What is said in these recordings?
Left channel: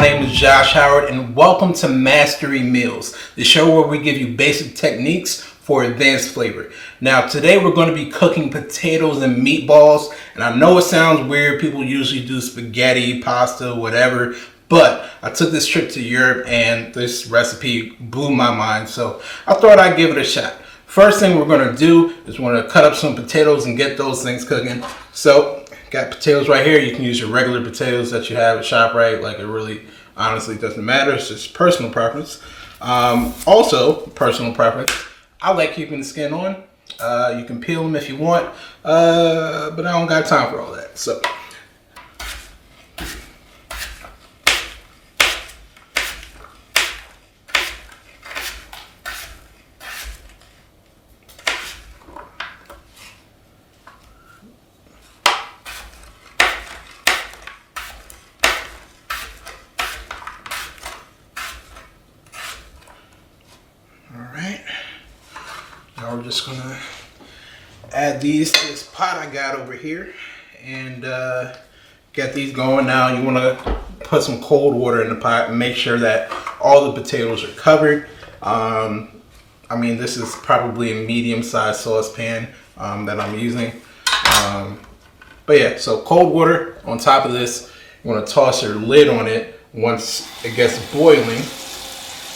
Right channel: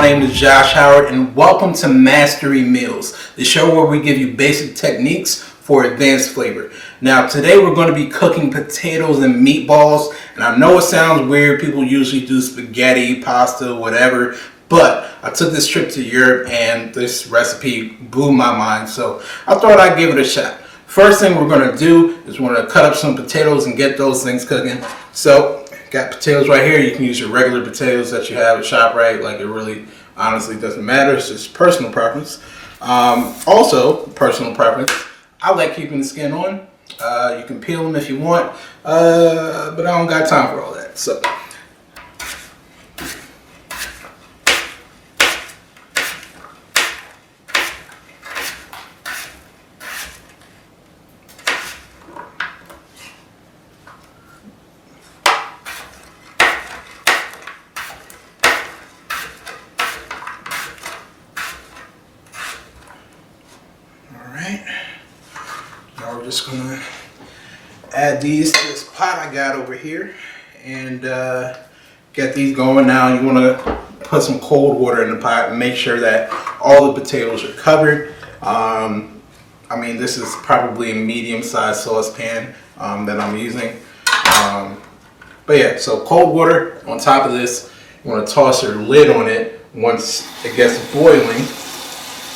my name is Josh Howard and welcome to Mastery Meals, the show where we give you basic techniques for advanced flavor. Now today we're going to be cooking potatoes and meatballs, and I know it sounds weird, people usually do spaghetti, pasta, whatever, but I took this trip to Europe and this recipe blew my mind, so I thought I'd give it a shot. First thing we're going to do is we're going to cut up some potatoes and get those things cooking. So got potatoes right here. You can use your regular potatoes that you have at ShopRite. Like, it really honestly doesn't matter. It's just personal preference. Also, personal preference, I like keeping the skin on. You can peel them if you want, but I don't got time for all that. So we're just gonna add these to this pot I got over here and get these going. Now you wanna put some cold water in the pot and make sure that all the potatoes are covered. I mean, this is probably a medium-sized saucepan that I'm using. But yeah, so cold water on top of this. You wanna toss your lid on it once it gets boiling.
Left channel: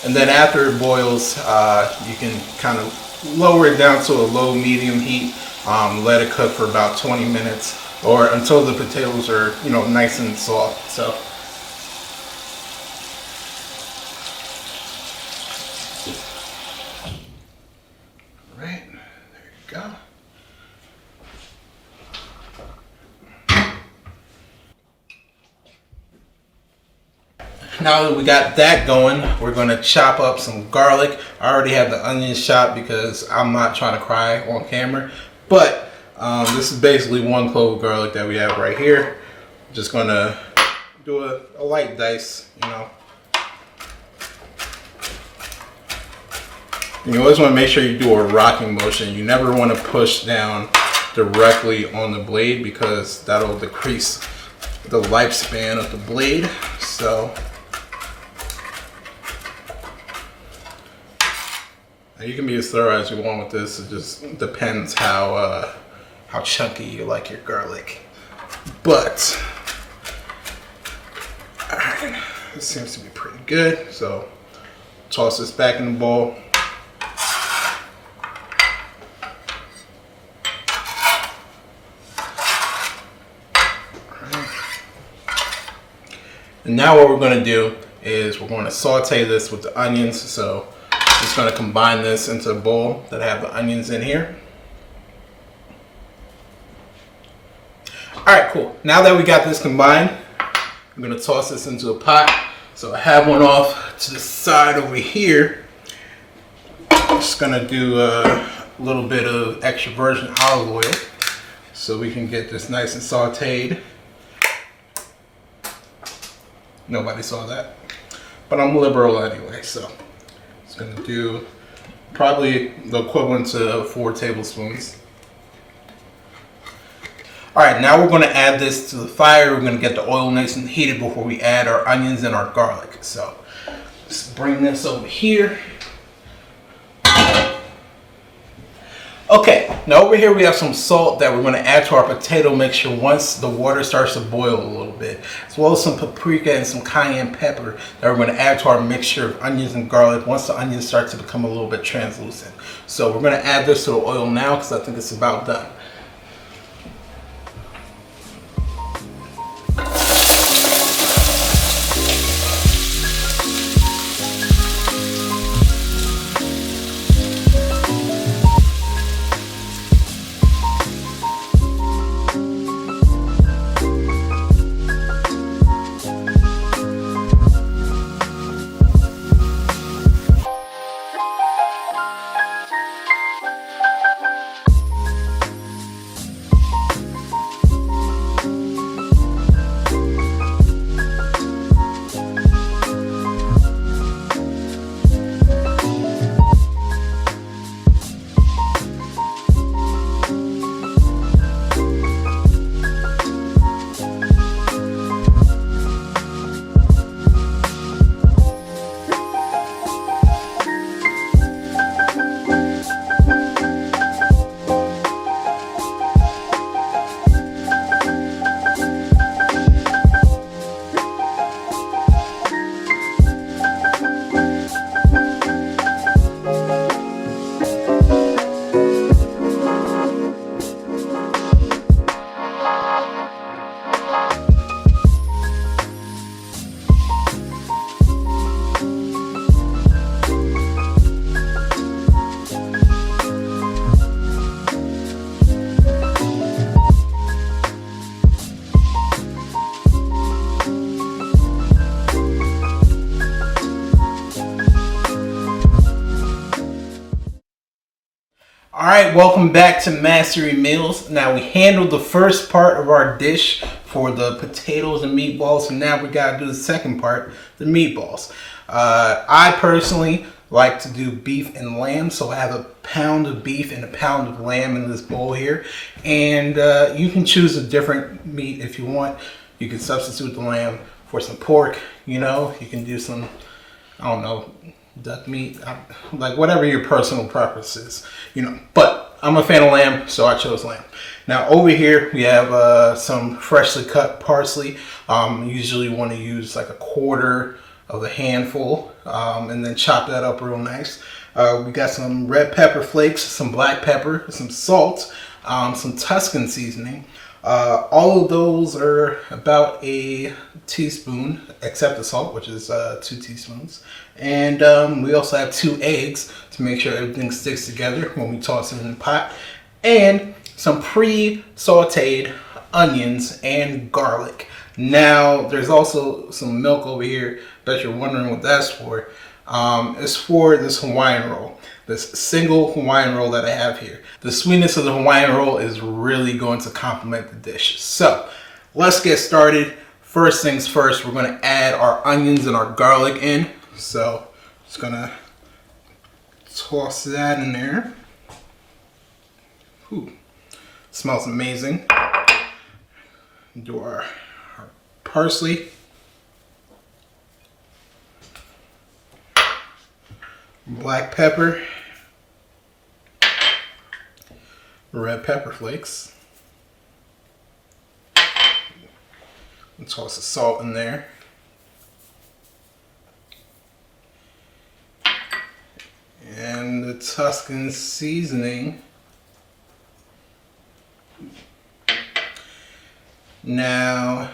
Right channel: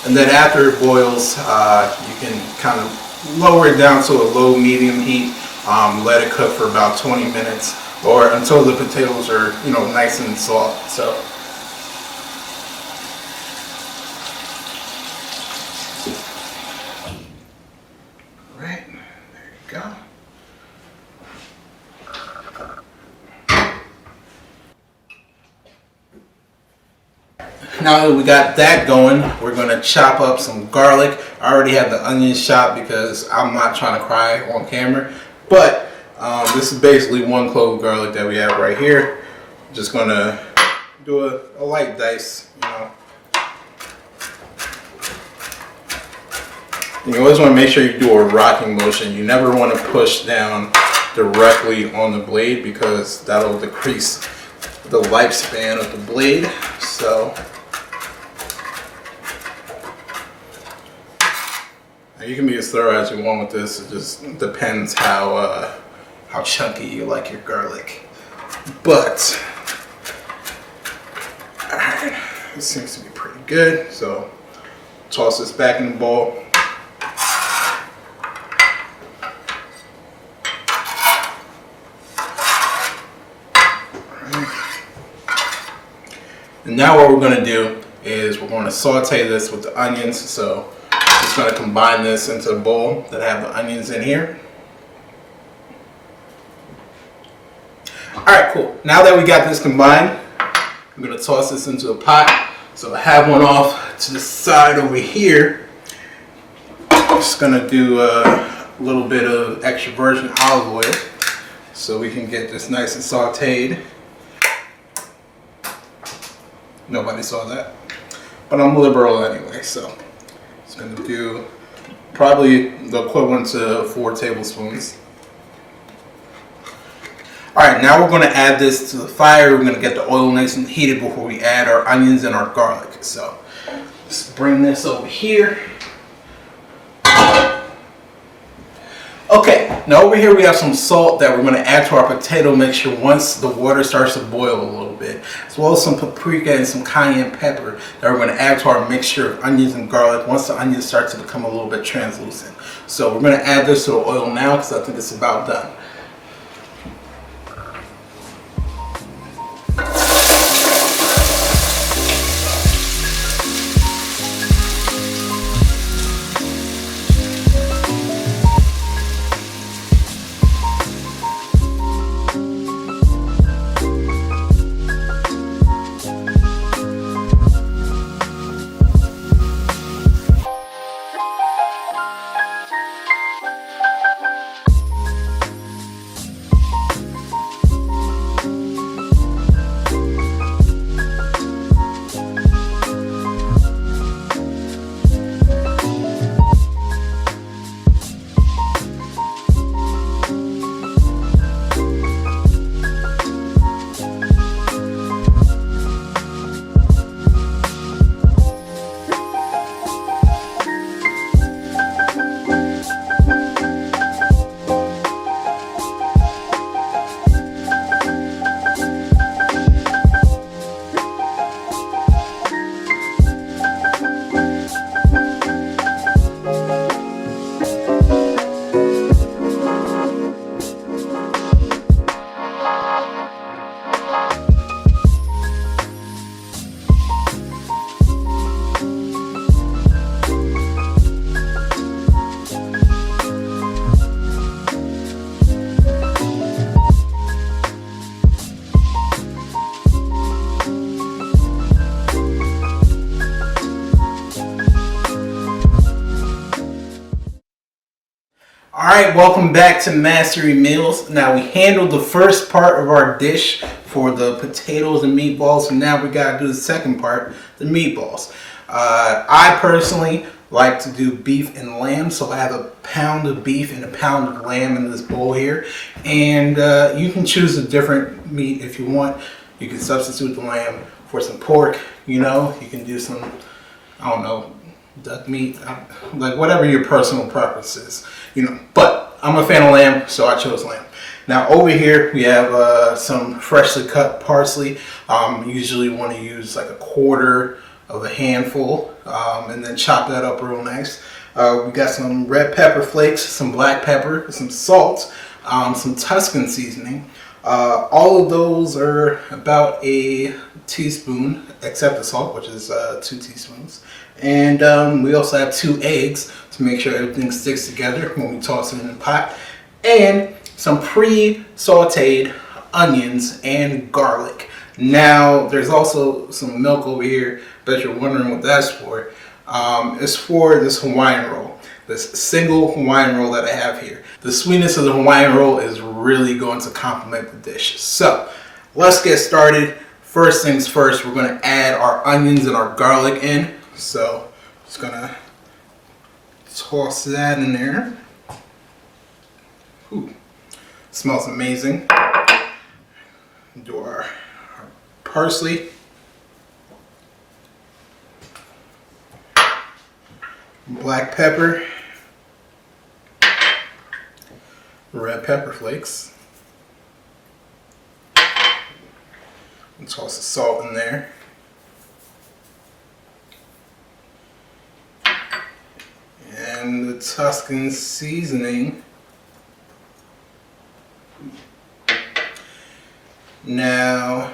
And then after it boils, you can kind of lower it down to a low medium heat. Let it cook for about 20 minutes or until the potatoes are, nice and soft. So right, there you go. Now that we got that going, we're going to chop up some garlic. I already have the onions chopped because I'm not trying to cry on camera. But this is basically 1 clove of garlic that we have right here. Just going to do a light dice, You always want to make sure you do a rocking motion. You never want to push down directly on the blade because that'll decrease the lifespan of the blade. So you can be as thorough as you want with this. It just depends how chunky you like your garlic. But alright, it seems to be pretty good. So toss this back in the bowl. And now what we're going to do is we're going to saute this with the onions. So just going to combine this into a bowl that have the onions in here. Alright, cool. Now that we got this combined, I'm going to toss this into a pot. So I have one off to the side over here. I'm just going to do a little bit of extra virgin olive oil so we can get this nice and sauteed. Nobody saw that, but I'm liberal anyway, so it's going to do probably the equivalent to 4 tablespoons. Alright, now we're going to add this to the fire. We're going to get the oil nice and heated before we add our onions and our garlic. So let's bring this over here. Okay, now over here we have some salt that we're going to add to our potato mixture once the water starts to boil a little bit, as well as some paprika and some cayenne pepper that we're going to add to our mixture of onions and garlic once the onions start to become a little bit translucent. So we're going to add this to the oil now because I think it's about done. to Mastery Meals. Now we handled the first part of our dish for the potatoes and meatballs, and now we gotta do the second part, the meatballs. I personally like to do beef and lamb, so I have a pound of beef and a pound of lamb in this bowl here. And you can choose a different meat if you want. You can substitute the lamb for some pork, you know, you can do some, I don't know, duck meat, like whatever your personal preference is, you know. But I'm a fan of lamb, so I chose lamb. Now over here we have some freshly cut parsley. Usually want to use like a quarter of a handful, and then chop that up real nice. We got some red pepper flakes, some black pepper, some salt, some Tuscan seasoning. All of those are about a teaspoon, except the salt, which is 2 teaspoons. And we also have 2 eggs to make sure everything sticks together when we toss it in the pot. And some pre-sauteed onions and garlic. Now, there's also some milk over here. Bet you're wondering what that's for. It's for this Hawaiian roll, this single Hawaiian roll that I have here. The sweetness of the Hawaiian roll is really going to complement the dish. So, let's get started. First things first, we're going to add our onions and our garlic in. So, just going to toss that in there. Ooh, smells amazing. Do our parsley. Black pepper. Red pepper flakes. And toss the salt in there. And the Tuscan seasoning. Now,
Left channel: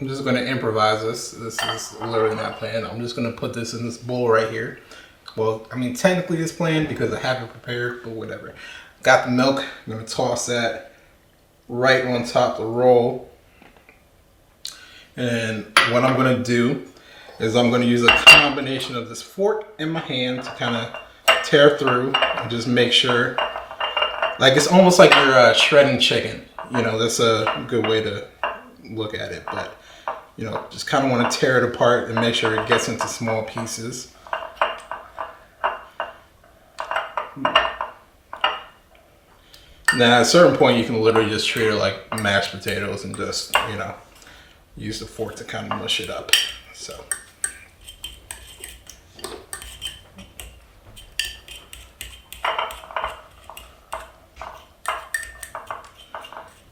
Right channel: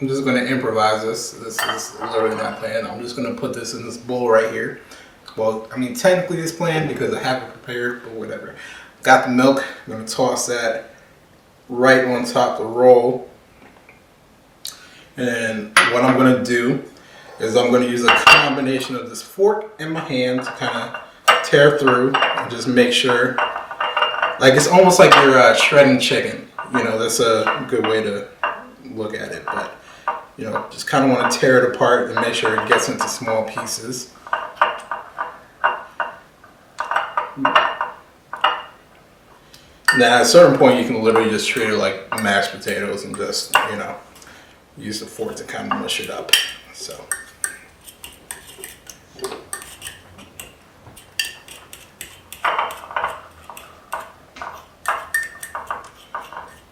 I'm just going to improvise this. This is literally not planned. I'm just going to put this in this bowl right here. Well, I mean, technically it's planned because I have it prepared, but whatever. Got the milk. I'm going to toss that right on top of the roll. And what I'm going to do is I'm going to use a combination of this fork and my hand to kind of tear through and just make sure, like it's almost like you're shredding chicken. You know, that's a good way to look at it. But, you know, just kind of want to tear it apart and make sure it gets into small pieces. Now, at a certain point, you can literally just treat it like mashed potatoes and just, you know, use the fork to kind of mush it up. So.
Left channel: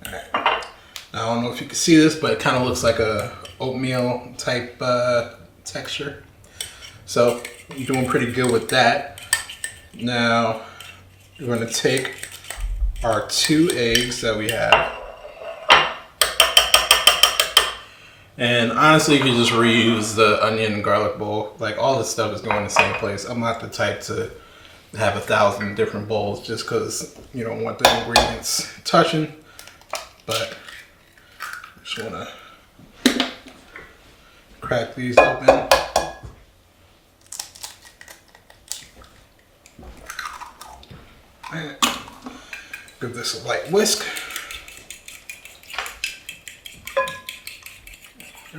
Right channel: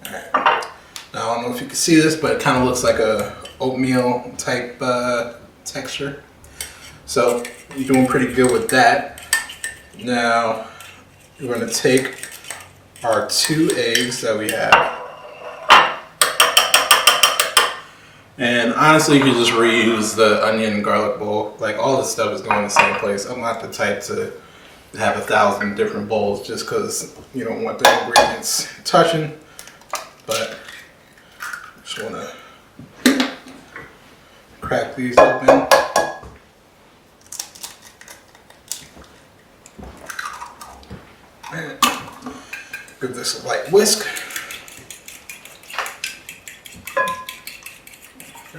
Alright. Now, I don't know if you can see this, but it kind of looks like a oatmeal type texture. So, I'm doing pretty good with that. Now, we're going to take our 2 eggs that we have. And honestly, you can just reuse the onion and garlic bowl. Like, all this stuff is going in the same place. I'm not the type to have 1,000 different bowls just because you don't want the ingredients touching. But just want to crack these open. Give this a light whisk.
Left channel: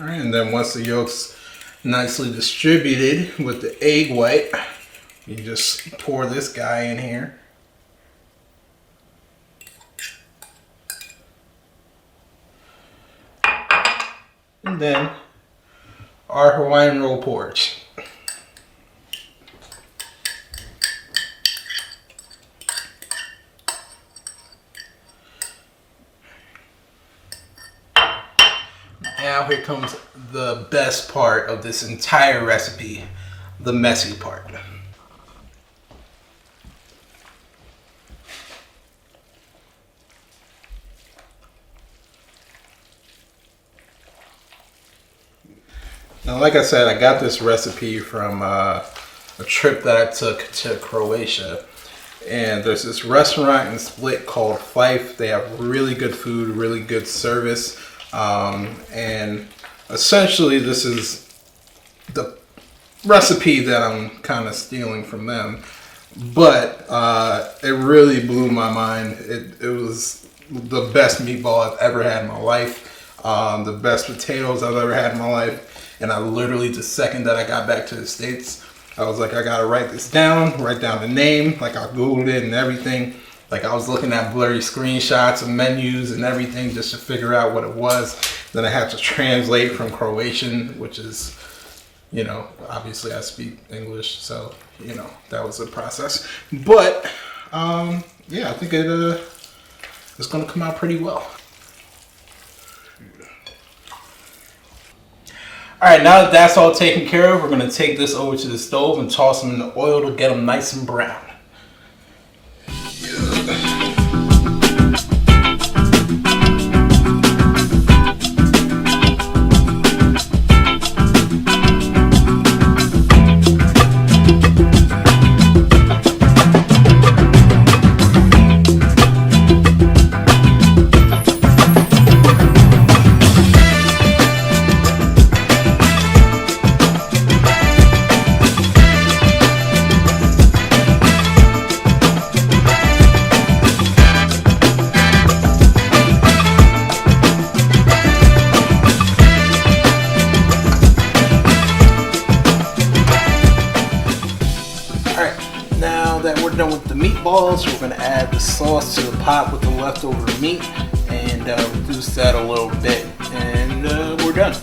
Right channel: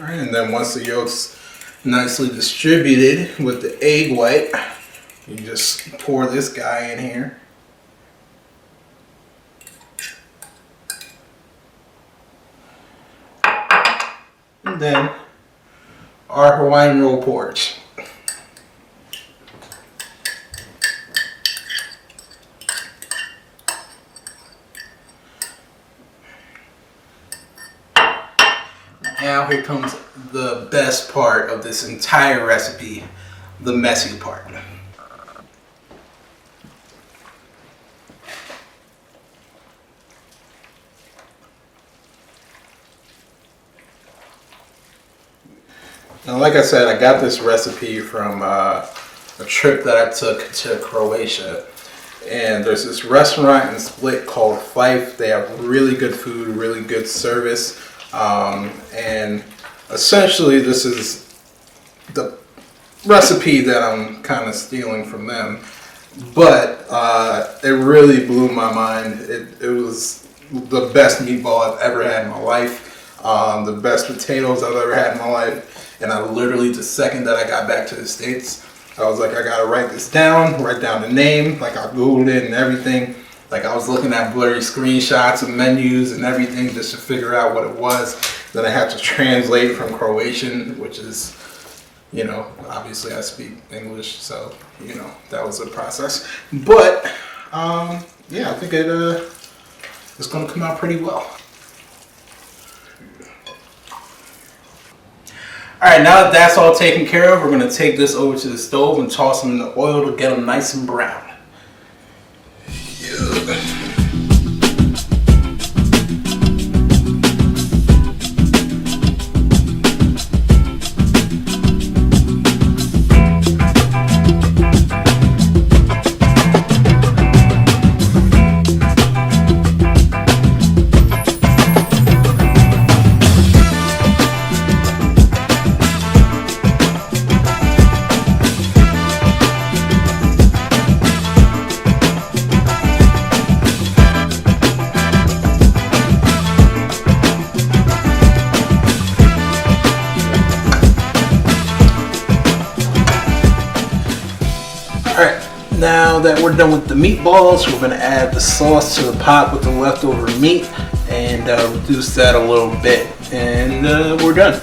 Alright, and then once the yolk's nicely distributed with the egg white, you just pour this guy in here. And then our Hawaiian roll porridge. Now here comes the best part of this entire recipe, the messy part. Now, like I said, I got this recipe from a trip that I took to Croatia. And there's this restaurant in Split called Fife. They have really good food, really good service. And essentially this is the recipe that I'm kind of stealing from them. but it really blew my mind. It was the best meatball I've ever had in my life, the best potatoes I've ever had in my life, and I literally, the second that I got back to the States, I was like, I gotta write this down, write down the name, like I Googled it and everything. Like I was looking at blurry screenshots of menus and everything just to figure out what it was. Then I had to translate from Croatian, which is, you know, obviously I speak English, so, you know, that was a process. But, yeah, I think it's gonna come out pretty well. All right, now that that's all taken care of, we're gonna take this over to the stove and toss them in the oil to get them nice and brown. With the meatballs, we're going to add the sauce to the pot with the leftover meat and reduce that a little bit, and we're done.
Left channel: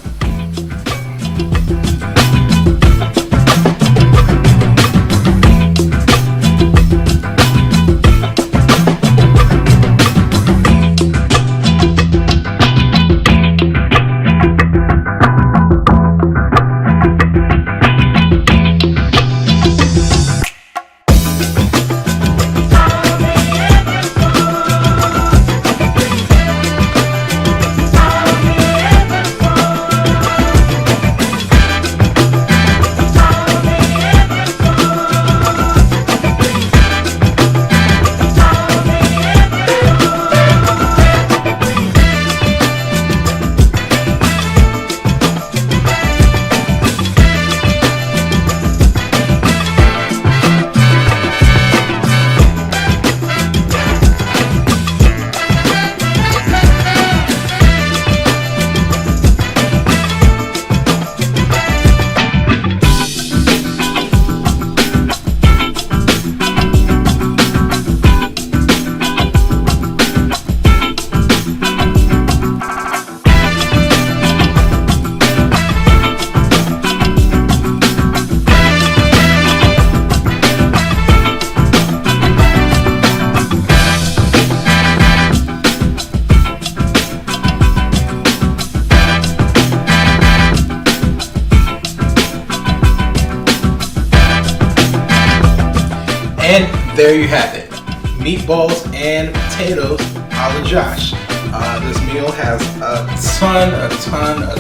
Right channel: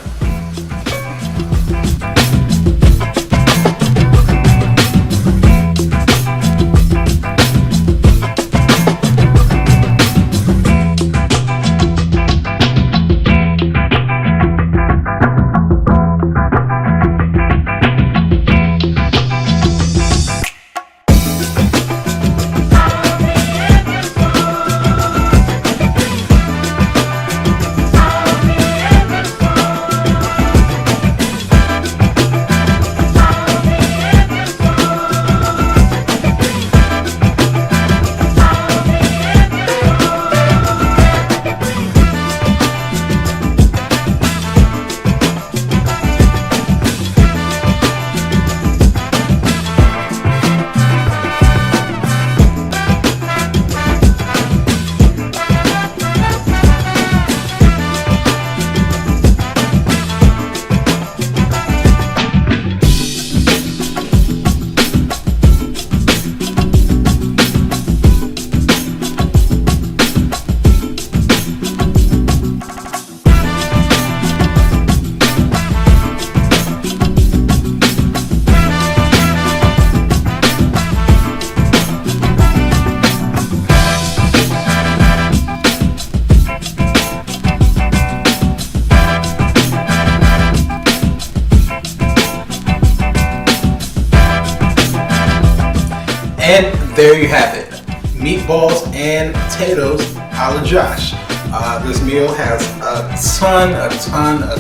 Meatballs and potatoes a la Josh. This meal has a ton of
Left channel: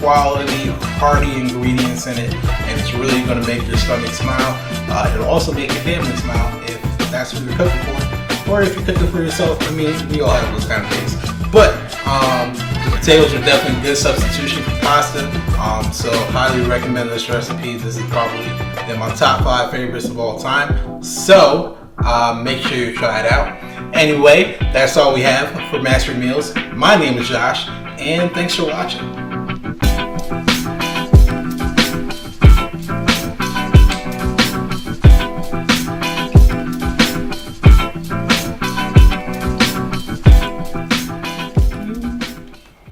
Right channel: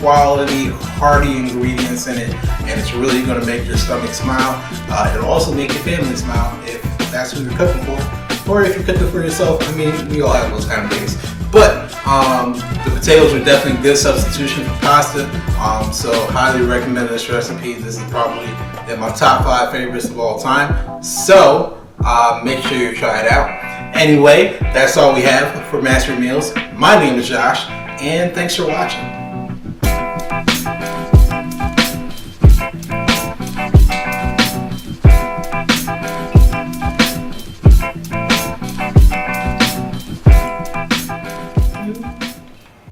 quality, hearty ingredients in it, and it's really going to make your stomach smile. It'll also make your family smile if that's what you're cooking for, or if you're cooking for yourself. I mean, we all have those kind of days. But the potatoes are definitely a good substitution for pasta. So I highly recommend this recipe. This is probably in my top 5 favorites of all time. So make sure you try it out. Anyway, that's all we have for Mastery Meals. My name is Josh, and thanks for watching.